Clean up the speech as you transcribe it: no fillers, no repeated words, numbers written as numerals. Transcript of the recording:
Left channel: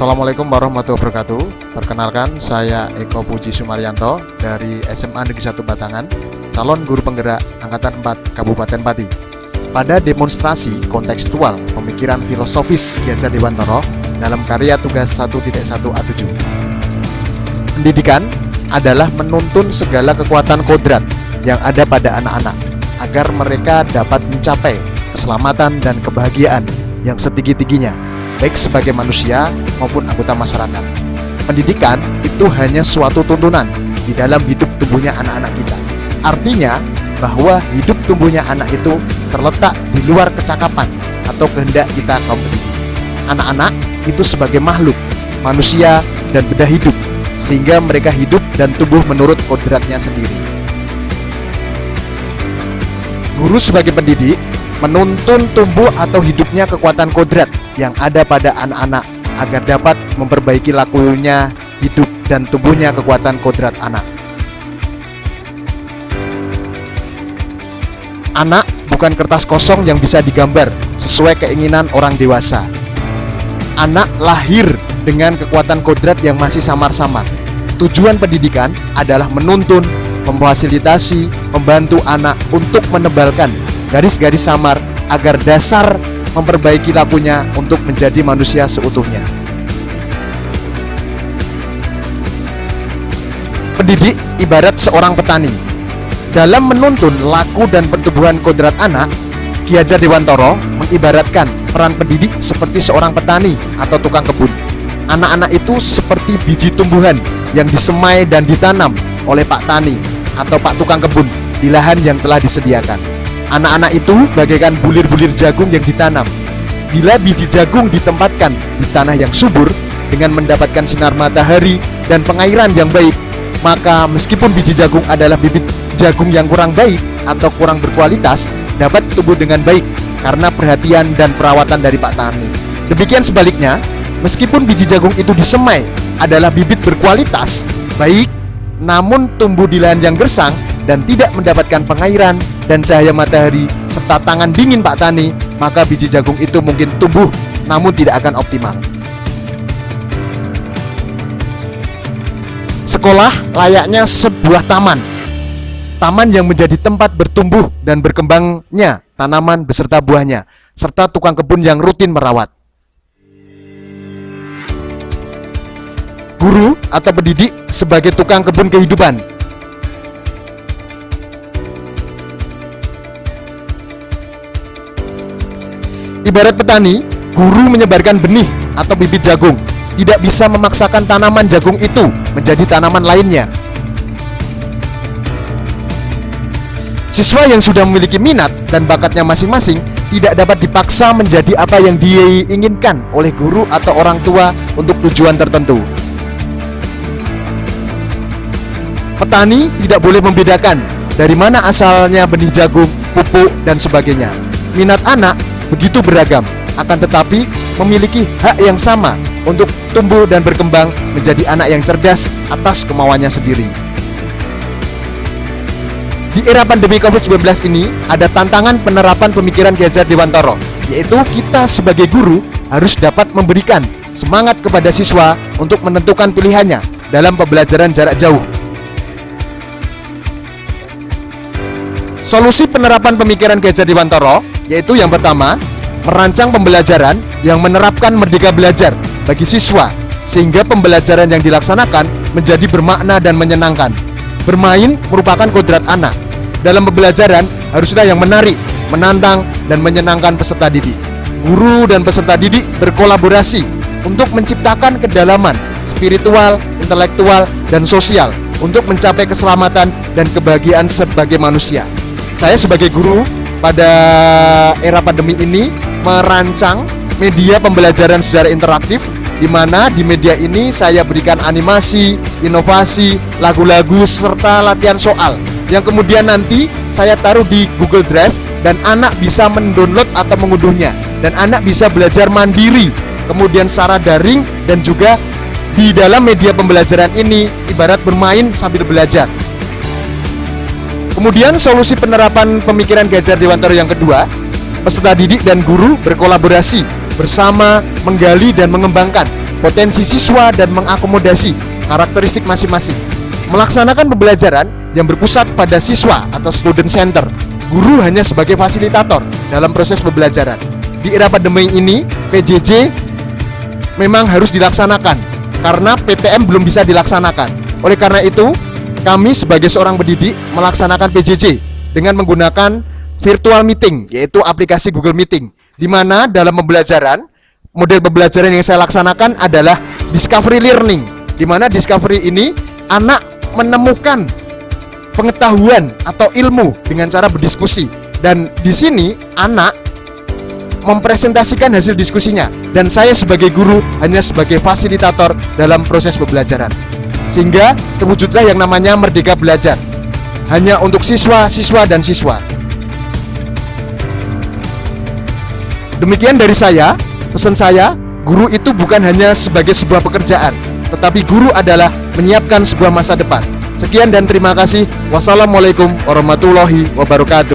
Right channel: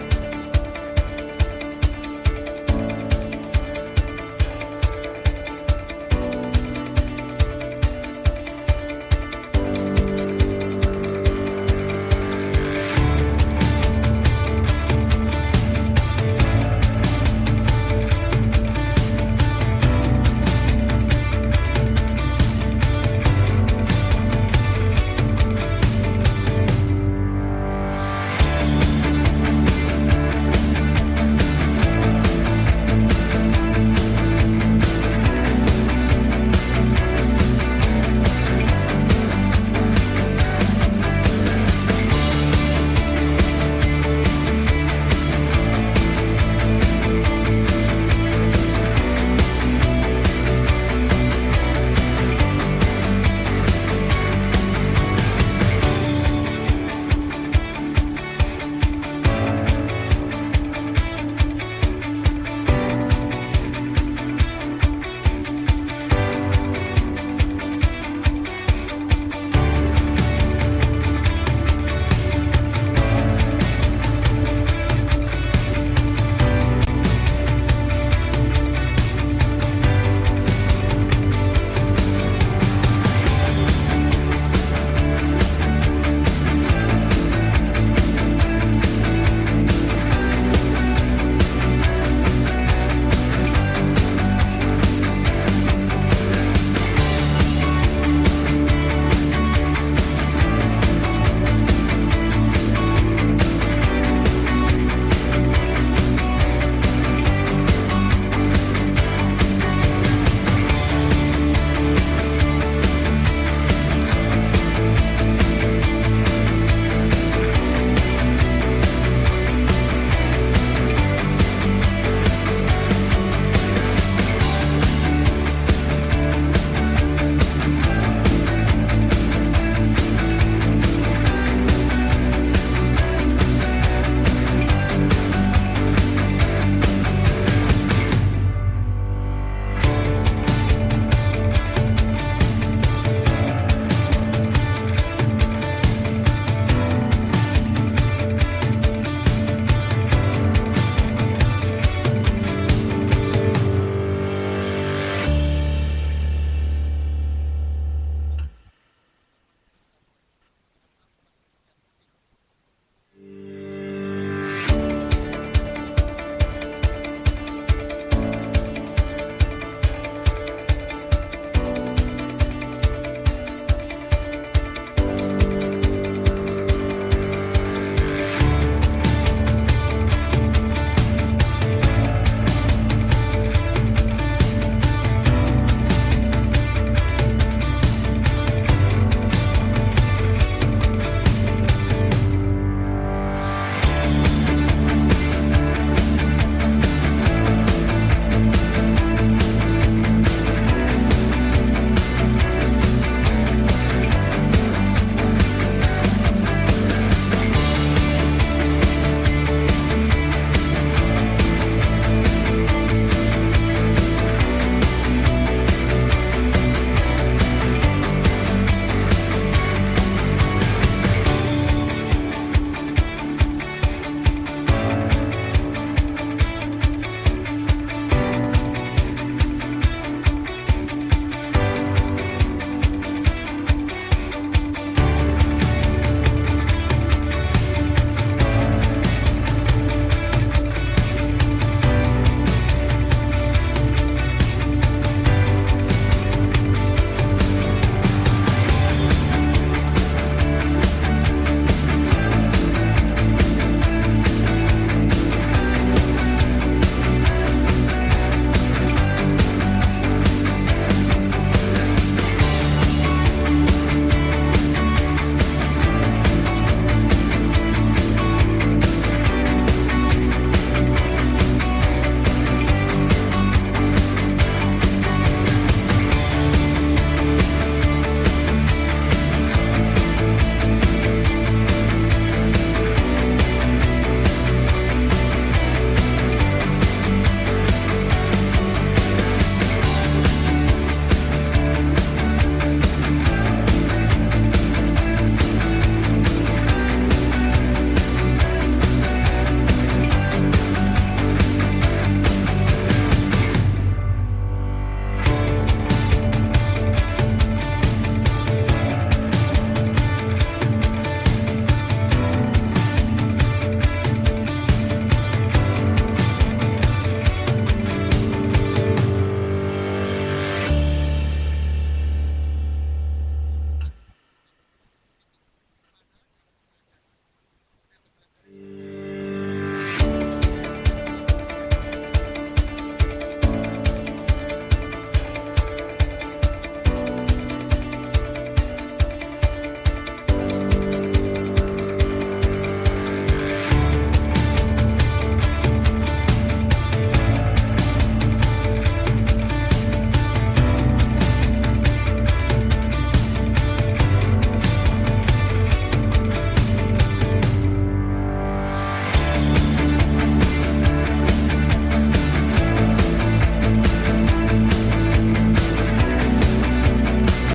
Assalamualaikum warahmatullahi wabarakatuh. Perkenalkan, saya Eko Puji Sumaryanto dari SMA Negeri 1 Batangan, calon guru penggerak Angkatan 4 Kabupaten Pati. Pada demonstrasi kontekstual pemikiran filosofis Ki Hajar Dewantara dalam karya tugas 1.1A7. Pendidikan adalah menuntun segala kekuatan kodrat yang ada pada anak-anak agar mereka dapat mencapai keselamatan dan kebahagiaan yang setinggi-tingginya, baik sebagai manusia maupun anggota masyarakat. Pendidikan itu hanya suatu tuntunan di dalam hidup tumbuhnya anak-anak kita. Artinya bahwa hidup tumbuhnya anak itu terletak di luar kecakapan atau kehendak kita kaum. Anak-anak itu sebagai makhluk, manusia dan benda hidup, sehingga mereka hidup dan tumbuh menurut kodratnya sendiri. Guru sebagai pendidik menuntun tumbuh atau hidupnya kekuatan kodrat yang ada pada anak-anak agar dapat memperbaiki lakunya hidup dan tumbuhnya kekuatan kodrat anak. Anak bukan kertas kosong yang bisa digambar sesuai keinginan orang dewasa. Anak lahir dengan kekuatan kodrat yang masih samar-samar. Tujuan pendidikan adalah menuntun, memfasilitasi, membantu anak untuk menebalkan garis-garis samar agar dasar memperbaiki lakunya untuk menjadi manusia seutuhnya. Pendidik ibarat seorang petani. Dalam menuntun laku dan pertumbuhan kodrat anak, Ki Hajar Dewantara mengibaratkan peran pendidik seperti seorang petani atau tukang kebun. Anak-anak itu seperti biji tumbuhan yang disemai dan ditanam oleh Pak Tani atau Pak Tukang Kebun di lahan yang telah disediakan. Anak-anak itu bagaikan bulir-bulir jagung yang ditanam. Bila biji jagung ditempatkan di tanah yang subur dengan mendapatkan sinar matahari dan pengairan yang baik, maka meskipun biji jagung adalah bibit jagung yang kurang baik atau kurang berkualitas, dapat tumbuh dengan baik karena perhatian dan perawatan dari Pak Tani. Demikian sebaliknya, meskipun biji jagung itu disemai adalah bibit berkualitas baik, namun tumbuh di lahan yang gersang dan tidak mendapatkan pengairan dan cahaya matahari serta tangan dingin Pak Tani, maka biji jagung itu mungkin tumbuh namun tidak akan optimal. Sekolah layaknya sebuah taman yang menjadi tempat bertumbuh dan berkembangnya tanaman beserta buahnya, serta tukang kebun yang rutin merawat. Guru atau pendidik sebagai tukang kebun kehidupan. Ibarat petani, guru menyebarkan benih atau bibit jagung, tidak bisa memaksakan tanaman jagung itu menjadi tanaman lainnya. Siswa yang sudah memiliki minat dan bakatnya masing-masing tidak dapat dipaksa menjadi apa yang diinginkan oleh guru atau orang tua untuk tujuan tertentu. Petani tidak boleh membedakan dari mana asalnya benih jagung, pupuk, dan sebagainya. Minat anak begitu beragam, akan tetapi memiliki hak yang sama untuk tumbuh dan berkembang menjadi anak yang cerdas atas kemauannya sendiri. Di era pandemi COVID-19 ini, ada tantangan penerapan pemikiran Ki Hajar Dewantara, yaitu kita sebagai guru harus dapat memberikan semangat kepada siswa untuk menentukan pilihannya dalam pembelajaran jarak jauh. Solusi penerapan pemikiran Ki Hajar Dewantara yaitu yang pertama, merancang pembelajaran yang menerapkan merdeka belajar bagi siswa sehingga pembelajaran yang dilaksanakan menjadi bermakna dan menyenangkan. Bermain merupakan kodrat anak. Dalam pembelajaran haruslah yang menarik, menantang, dan menyenangkan peserta didik. Guru dan peserta didik berkolaborasi untuk menciptakan kedalaman spiritual, intelektual, dan sosial untuk mencapai keselamatan dan kebahagiaan sebagai manusia. Saya sebagai guru pada era pandemi ini merancang media pembelajaran secara interaktif, di mana di media ini saya berikan animasi, inovasi, lagu-lagu, serta latihan soal yang kemudian nanti saya taruh di Google Drive dan anak bisa mendownload atau mengunduhnya, dan anak bisa belajar mandiri kemudian secara daring, dan juga di dalam media pembelajaran ini ibarat bermain sambil belajar. Kemudian solusi penerapan pemikiran Ki Hajar Dewantara yang kedua, peserta didik dan guru berkolaborasi bersama menggali dan mengembangkan potensi siswa dan mengakomodasi karakteristik masing-masing. Melaksanakan pembelajaran yang berpusat pada siswa atau student center. Guru hanya sebagai fasilitator dalam proses pembelajaran. Di era pandemi ini, PJJ memang harus dilaksanakan karena PTM belum bisa dilaksanakan. Oleh karena itu, kami sebagai seorang pendidik melaksanakan PJJ dengan menggunakan virtual meeting, yaitu aplikasi Google Meeting, di mana dalam pembelajaran, model pembelajaran yang saya laksanakan adalah discovery learning, di mana discovery ini anak menemukan pengetahuan atau ilmu dengan cara berdiskusi, dan di sini anak mempresentasikan hasil diskusinya dan saya sebagai guru hanya sebagai fasilitator dalam proses pembelajaran, sehingga terwujudlah yang namanya Merdeka Belajar hanya untuk siswa dan siswa. Demikian dari saya. Pesan saya, guru itu bukan hanya sebagai sebuah pekerjaan, tetapi guru adalah menyiapkan sebuah masa depan. Sekian dan terima kasih. Wassalamualaikum warahmatullahi wabarakatuh.